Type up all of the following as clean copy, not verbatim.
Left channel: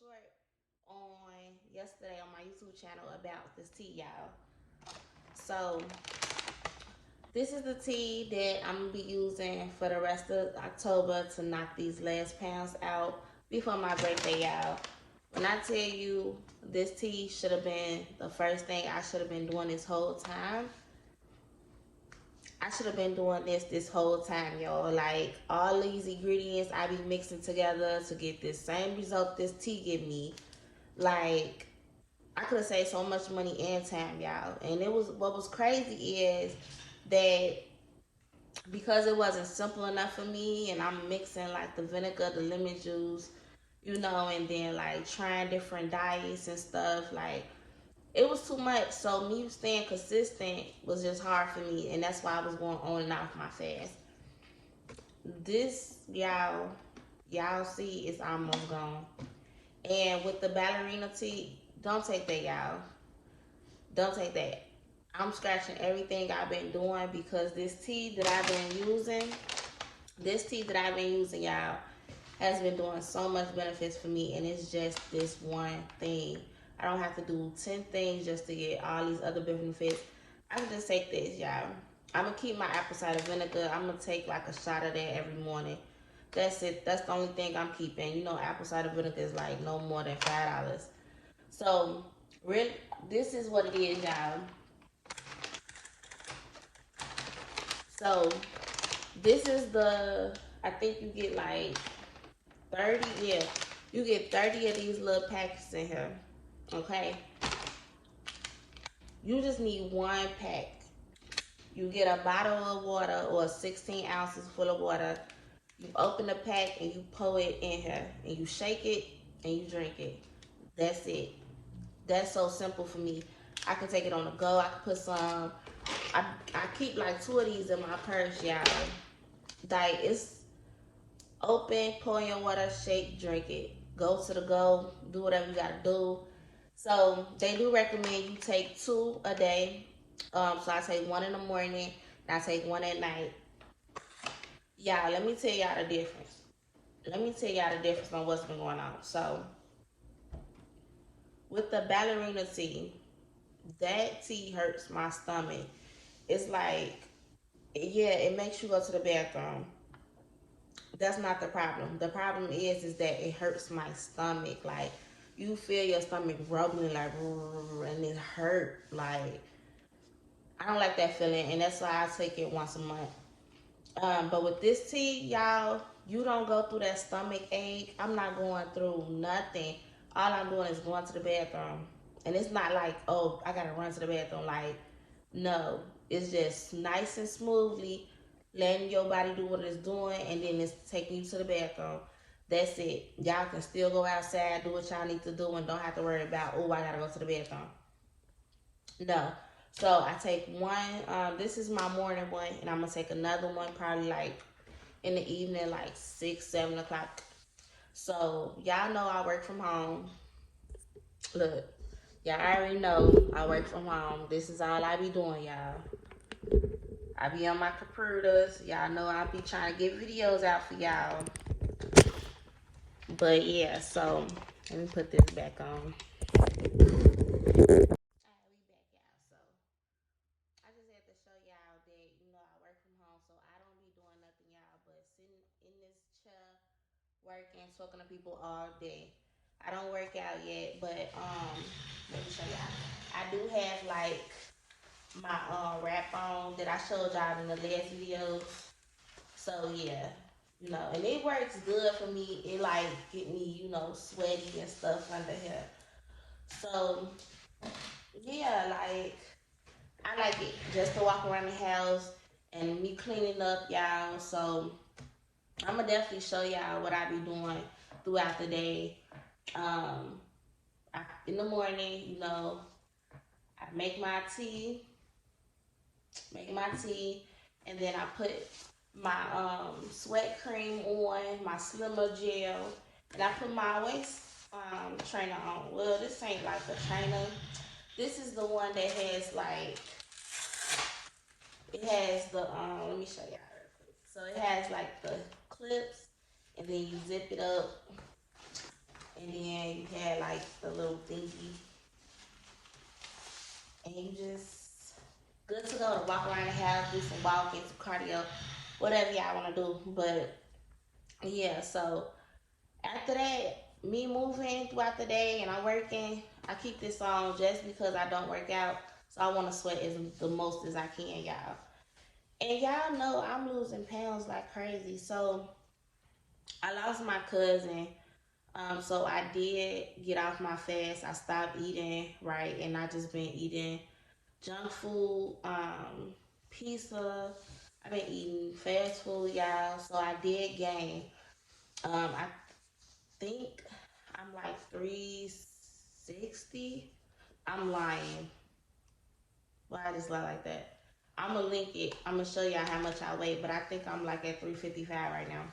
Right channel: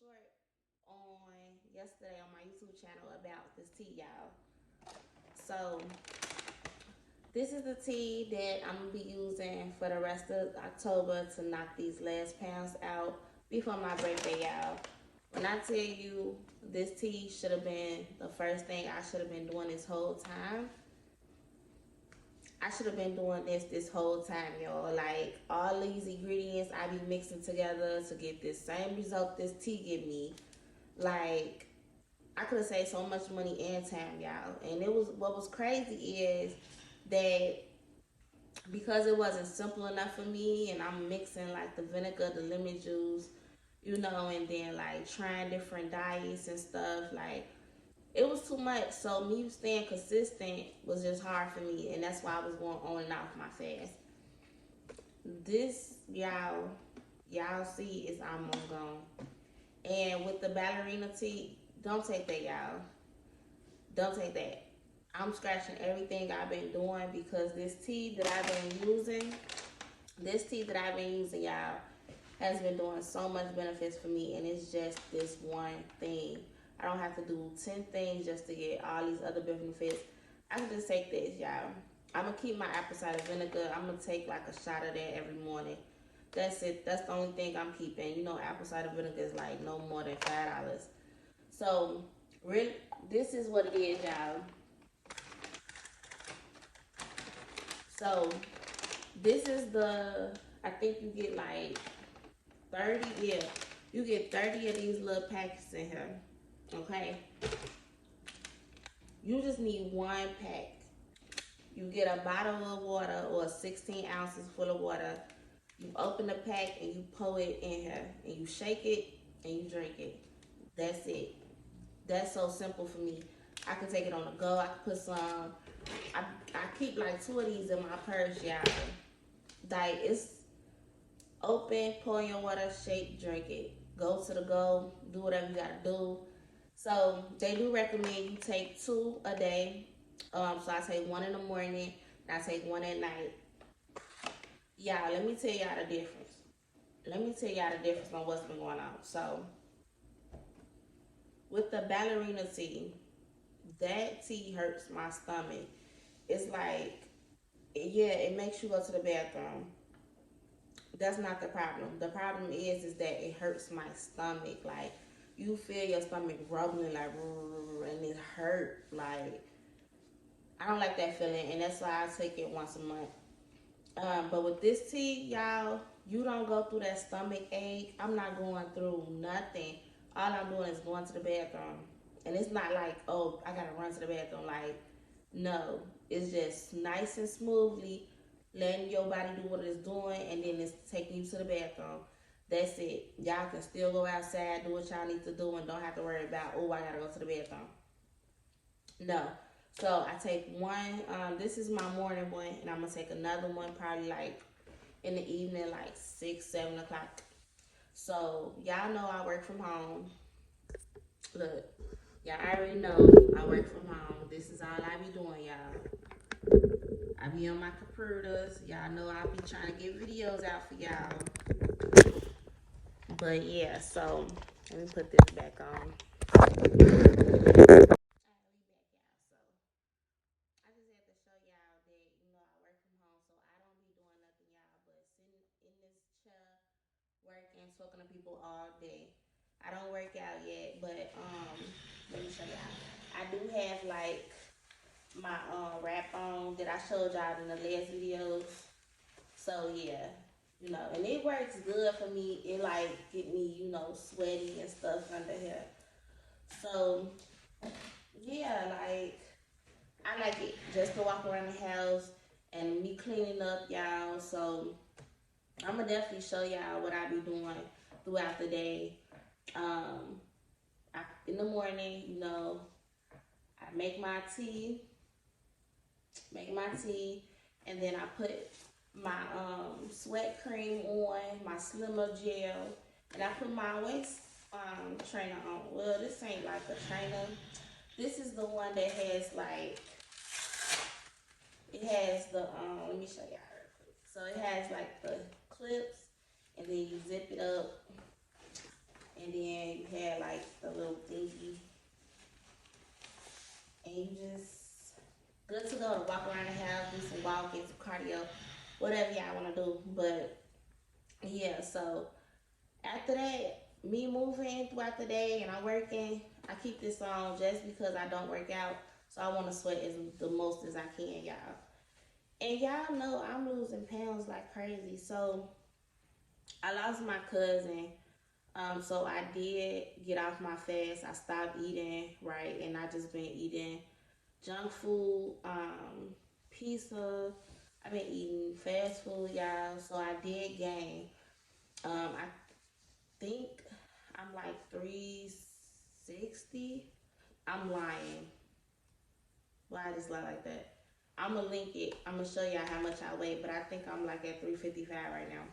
short on yesterday on my YouTube channel about this tea, y'all. So this is the tea that I'm gonna be using for the rest of October to knock these last pounds out before my birthday, y'all. When I tell you this tea should have been the first thing I should have been doing this whole time, I should have been doing this whole time, y'all. Like, all these ingredients I be mixing together to get this same result this tea give me. Like, I could have saved so much money and time, y'all. And it was, what was crazy is that because it wasn't simple enough for me, and I'm mixing like the vinegar, the lemon juice, and then like trying different diets and stuff. Like, it was too much. So me staying consistent was just hard for me, and that's why I was going on and off my fast. This, y'all see, is almost gone. And with the ballerina tea, don't take that, y'all. Don't take that. I'm scratching everything I've been doing because this tea that I've been using, y'all, has been doing so much benefits for me, and it's just this one thing. I don't have to do 10 things just to get all these other benefits. I can just take this, y'all. I'm gonna keep my apple cider vinegar. I'm gonna take like a shot of that every morning. That's it. That's the only thing I'm keeping. Apple cider vinegar is like no more than $5. So, really, this is what it is, y'all. So, this is I think you get like 30, yeah. You get 30 of these little packets in here, okay? You just need one pack. You get a bottle of water or 16 ounces full of water. You open the pack and you pour it in here. And you shake it and you drink it. That's it. That's so simple for me. I can take it on the go. I can put some. I keep like 2 of these in my purse, y'all. Like, it's open, pour in your water, shake, drink it. Go to the go, do whatever you gotta do. So they do recommend you take 2 a day. So I take 1 in the morning and I take 1 at night. Y'all, let me tell y'all the difference. Let me tell y'all the difference on what's been going on. So with the ballerina tea, that tea hurts my stomach. It's like, yeah, it makes you go to the bathroom. That's not the problem. The problem is that it hurts my stomach. Like, you feel your stomach rumbling like, and it hurt. Like, I don't like that feeling, and that's why I take it once a month. But with this tea, y'all, you don't go through that stomach ache. I'm not going through nothing. All I'm doing is going to the bathroom. And it's not like, oh, I gotta run to the bathroom. Like, no. It's just nice and smoothly letting your body do what it's doing, and then it's taking you to the bathroom. That's it. Y'all can still go outside, do what y'all need to do, and don't have to worry about, oh, I gotta go to the bathroom. No. So I take one. This is my morning one, and I'm gonna take another one probably like in the evening, like 6, 7 o'clock. So y'all know I work from home. Look, y'all already know I work from home. This is all I be doing, y'all. I be on my computers. Y'all know I be trying to get videos out for y'all. But yeah, so let me put this back on. I just had to show y'all that, I work from home, so I don't be doing nothing, y'all, but sitting in this chair, working, talking to people all day. I don't work out yet, but let me show y'all. I do have like my wrap on that I showed y'all in the last videos. So yeah, and it works good for me. It like get me, sweaty and stuff under here. So yeah, like I like it just to walk around the house and me cleaning up, y'all. So I'm gonna definitely show y'all what I be doing throughout the day. Um, in the morning, I make my tea, and then I put my sweat cream on, my slimmer gel, and I put my waist trainer on. Well, this ain't like a trainer. This is the one that has like, it has the let me show y'all real quick. So it has like the clips, and then you zip it up, and then you had like the little thingy, and you just good to go to walk around the house, do some walking, some cardio, whatever y'all want to do. But yeah, so after that, me moving throughout the day and I'm working, I keep this on just because I don't work out. So I want to sweat as the most as I can, y'all. And y'all know I'm losing pounds like crazy. So I lost my cousin. So I did get off my fast. I stopped eating, right? And I just been eating junk food, pizza. I've been eating fast food, y'all. So I did gain. I think I'm like 360. I'm lying. Well, I just lie like that. I'm gonna link it. I'm gonna show y'all how much I weigh, but I think I'm like at 355 right now.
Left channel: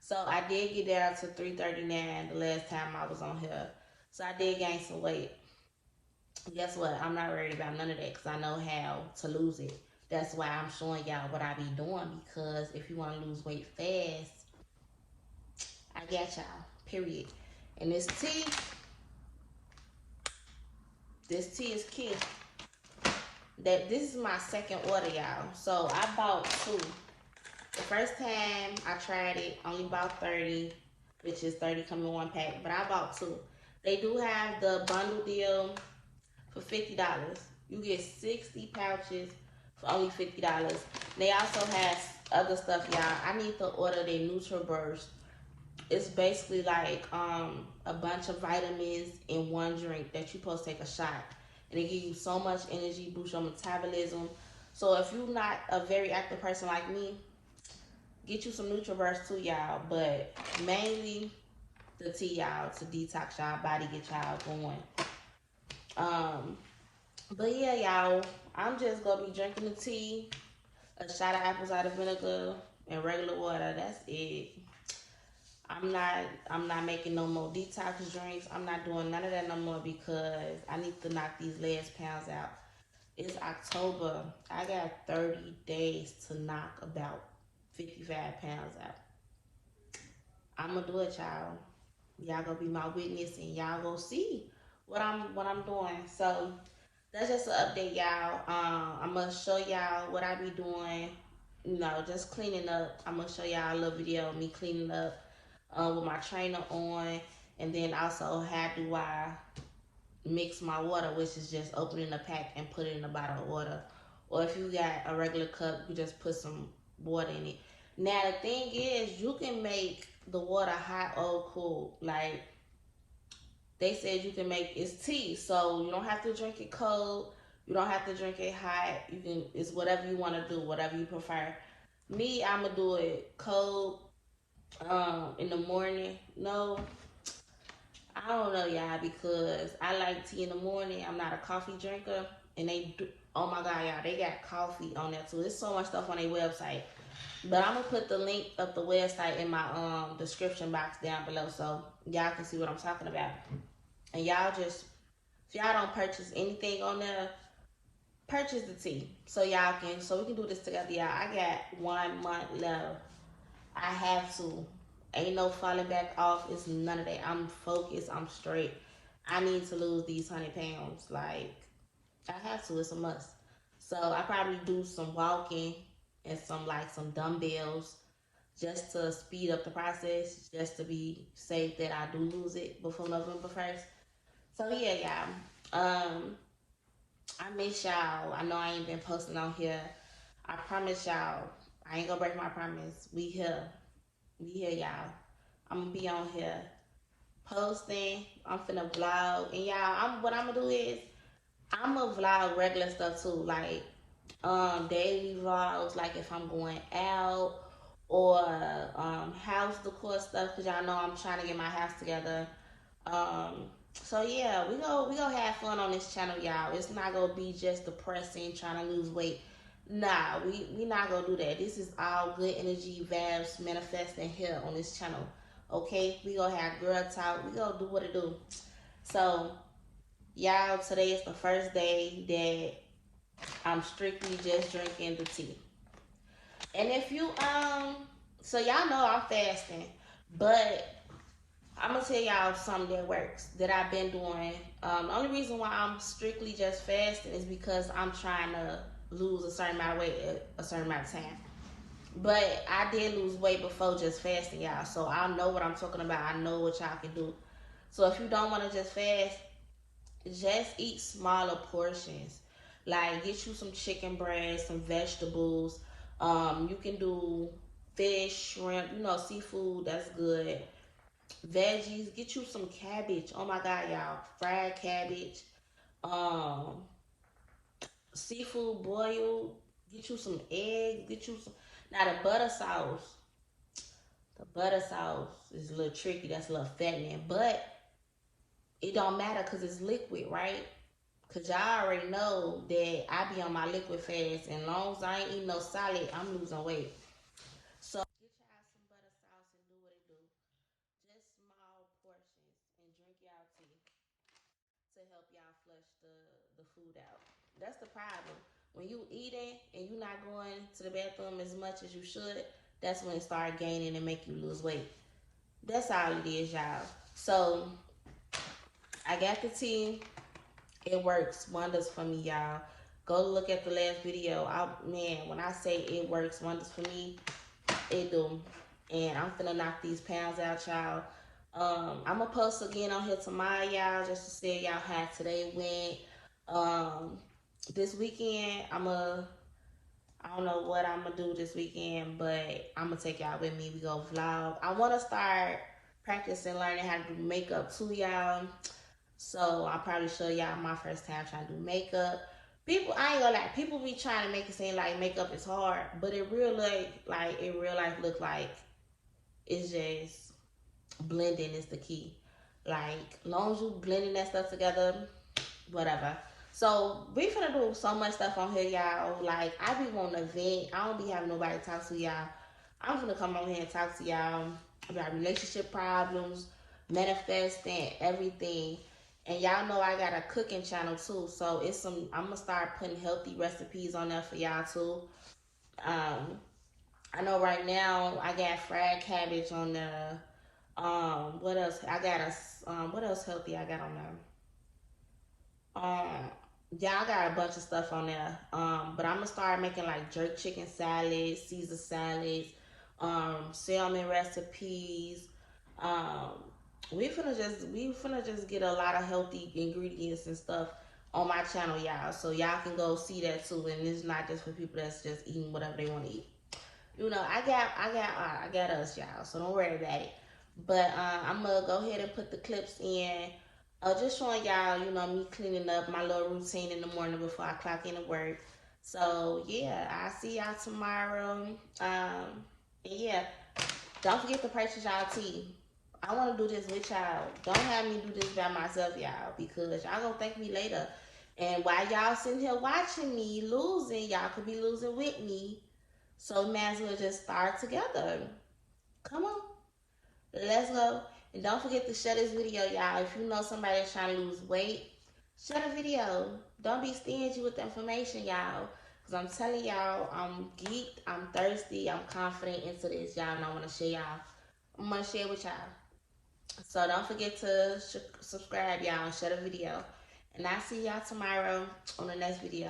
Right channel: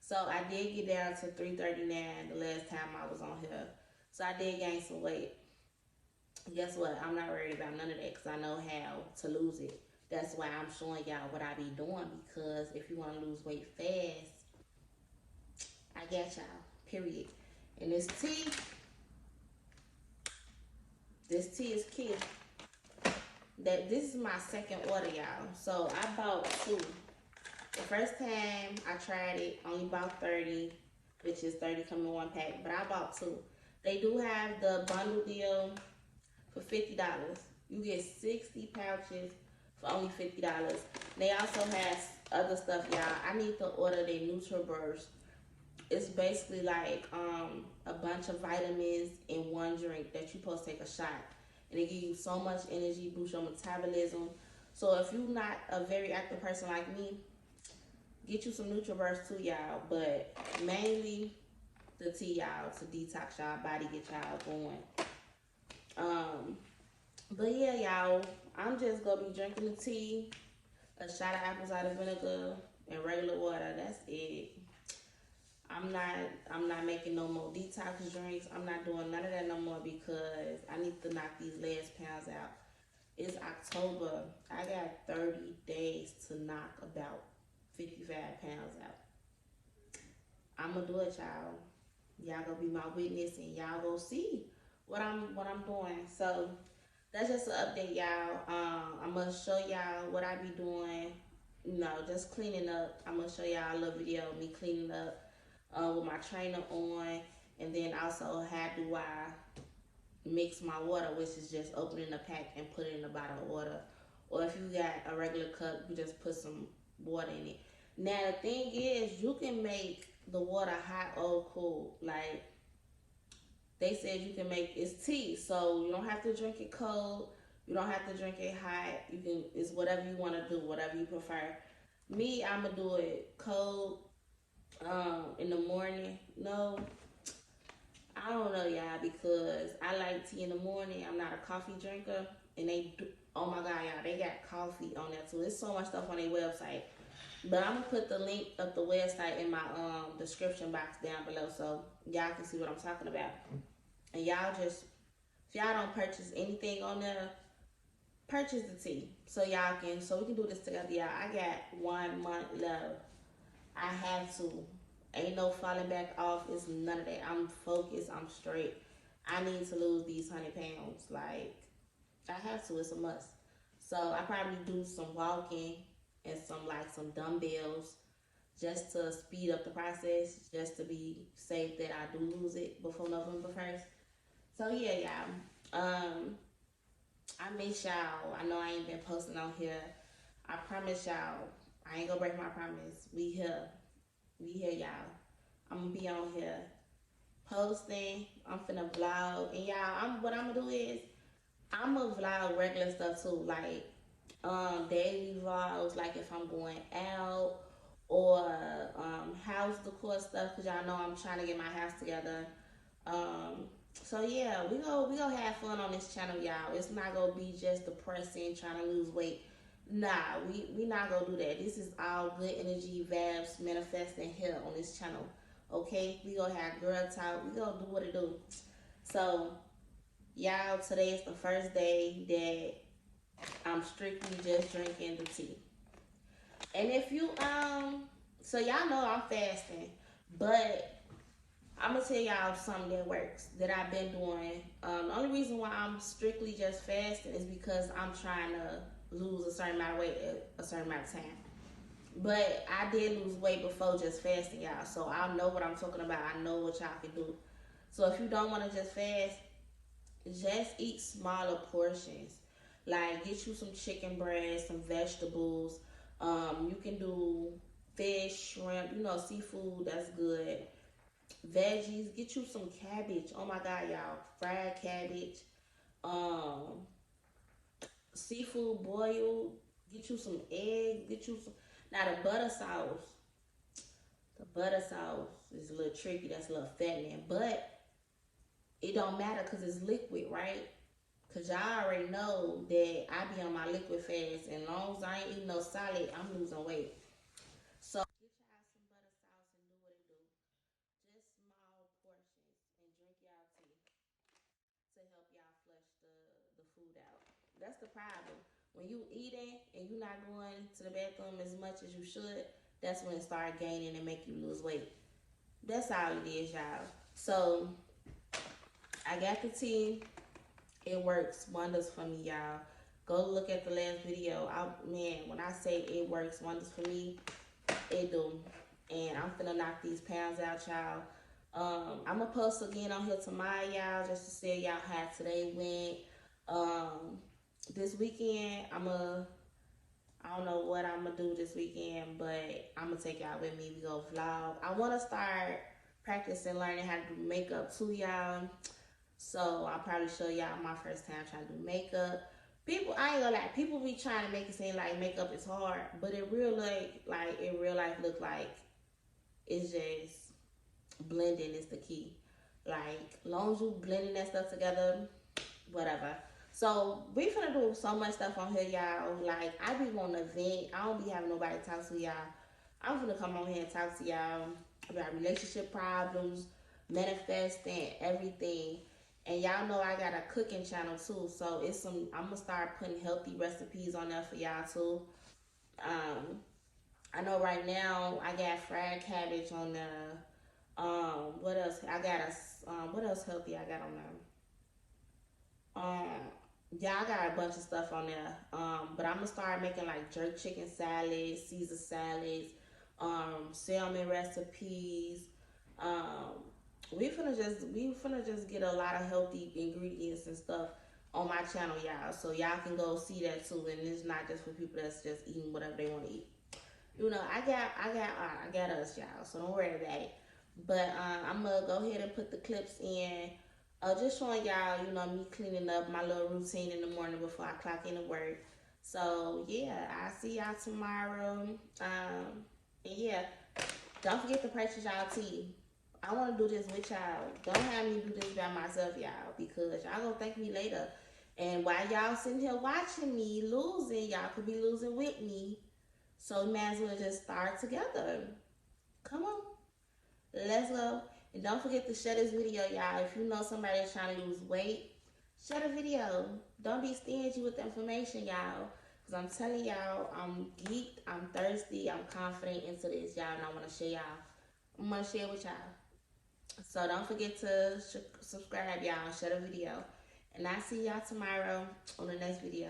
So I did get down to 339 the last time I was on here. So I did gain some weight. Guess what? I'm not worried about none of that because I know how to lose it. That's why I'm showing y'all what I be doing, because if you want to lose weight fast, I got y'all. Period. And this tea is key. That this is my second order, y'all. So I bought two. The first time I tried it, only bought 30, which is 30 come in one pack. But I bought two. They do have the bundle deal for $50. You get 60 pouches for only $50. They also have other stuff, y'all. I need to order their NutriBurst. It's basically like a bunch of vitamins in one drink that you're supposed to take a shot. And it gives you so much energy, boosts your metabolism. So if you're not a very active person like me, get you some NutriBurst too, y'all. But mainly the tea, y'all, to detox y'all body, get y'all going. But yeah, y'all, I'm just gonna be drinking the tea, a shot of apple cider vinegar, and regular water. That's it. I'm not making no more detox drinks. I'm not doing none of that no more because I need to knock these last pounds out. It's October. I got 30 days to knock about 55 pounds out. I'm gonna do it, y'all. Y'all gonna be my witness and y'all gonna see what I'm doing. So that's just an update, y'all. I'm gonna show y'all what I be doing. You know, just cleaning up. I'm gonna show y'all a little video of me cleaning up with my trainer on, and then also how do I mix my water, which is just opening the pack and put it in a bottle of water. Or if you got a regular cup, you just put some water in it. Now the thing is, you can make the water hot or cool. Like they said, you can make it's tea, so you don't have to drink it cold. You don't have to drink it hot. You can. It's whatever you want to do, whatever you prefer. Me, I'ma do it cold in the morning. No, I don't know, y'all, because I like tea in the morning. I'm not a coffee drinker, and they do. Oh my God, y'all, they got coffee on there too. There's so much stuff on their website. But I'm gonna put the link of the website in my description box down below, so y'all can see what I'm talking about. And y'all just, if y'all don't purchase anything on there, purchase the tea so y'all can, so we can do this together, y'all. I got 1 month left. I have to. Ain't no falling back off. It's none of that. I'm focused. I'm straight. I need to lose these 100 pounds. Like, I have to. It's a must. So I probably do some walking and some dumbbells just to speed up the process, just to be safe that I do lose it before November 1st. So yeah, y'all. I miss y'all. I know I ain't been posting on here. I promise y'all, I ain't gonna break my promise. We here. We here, y'all. I'm gonna be on here posting. I'm finna vlog. And y'all, what I'm gonna do is I'm gonna vlog regular stuff too. Like daily vlogs, like if I'm going out, or house decor stuff, because y'all know I'm trying to get my house together. So yeah, we gonna have fun on this channel, y'all. It's not gonna be just depressing, trying to lose weight. Nah, we not gonna do that. This is all good energy vibes manifesting here on this channel. Okay, we gonna have girl talk. We gonna do what it do. So y'all, today is the first day that I'm strictly just drinking the tea. And if you so y'all know I'm fasting, but I'm gonna tell y'all something that works that I've been doing. The only reason why I'm strictly just fasting is because I'm trying to lose a certain amount of weight at a certain amount of time. But I did lose weight before just fasting, y'all. So I know what I'm talking about. I know what y'all can do. So if you don't want to just fast, just eat smaller portions. Like get you some chicken breast, some vegetables. You can do fish, shrimp, seafood. That's good. Veggies. Get you some cabbage. Oh my God, y'all! Fried cabbage. Um, Seafood boiled. Get you some eggs. Get you some. Now the butter sauce. The butter sauce is a little tricky. That's a little fattening, but it don't matter because it's liquid, right? Cause y'all already know that I be on my liquid fast, and as long as I ain't eating no solid, I'm losing weight. So get y'all some butter sauce and do what it do. Just small portions and drink y'all tea to help y'all flush the food out. That's the problem. When you eating and you not going to the bathroom as much as you should, that's when it start gaining and make you lose weight. That's all it is, y'all. So I got the tea. It works wonders for me, y'all. Go look at the last video. Man, when I say it works wonders for me, it do. And I'm finna knock these pounds out, y'all. I'm gonna post again on here tomorrow, y'all, just to see y'all how today went. This weekend, I don't know what I'm gonna do this weekend, but I'm gonna take y'all with me. We go vlog. I wanna start practicing learning how to do makeup too, y'all. So I'll probably show y'all my first time trying to do makeup. People, I ain't gonna lie, people be trying to make it seem like makeup is hard, but it real life look like it's just blending is the key. Like, long as you blending that stuff together, whatever. So we finna do so much stuff on here, y'all. Like, I be wanting to vent. I don't be having nobody to talk to, y'all. I'm finna come on here and talk to y'all about relationship problems, manifesting, everything. And y'all know I got a cooking channel too, so I'm gonna start putting healthy recipes on there for y'all too. Um, I know right now I got fried cabbage on there. What else? I got what else healthy I got on there? Yeah, I got a bunch of stuff on there. But I'm gonna start making like jerk chicken salads, Caesar salads, salmon recipes. Um, we finna just get a lot of healthy ingredients and stuff on my channel, y'all. So y'all can go see that too. And it's not just for people that's just eating whatever they want to eat. I got us, y'all. So don't worry about it. But I'm gonna go ahead and put the clips in. Just showing y'all, me cleaning up my little routine in the morning before I clock into work. So yeah, I'll see y'all tomorrow. And yeah, don't forget to purchase y'all tea. I want to do this with y'all. Don't have me do this by myself, y'all, because y'all gonna thank me later. And while y'all sitting here watching me losing, y'all could be losing with me. So we might as well just start together. Come on, let's go. And don't forget to share this video, y'all. If you know somebody that's trying to lose weight, share the video. Don't be stingy with the information, y'all. Because I'm telling y'all, I'm geeked, I'm thirsty, I'm confident into this, y'all. And I want to share y'all. I'm going to share with y'all. So don't forget to subscribe, y'all, and share the video. And I'll see y'all tomorrow on the next video.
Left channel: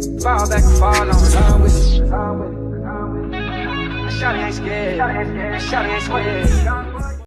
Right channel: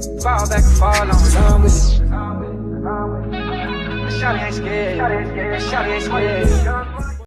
Fall back and fall on, run with it. Shawty ain't scared. Shawty ain't scared.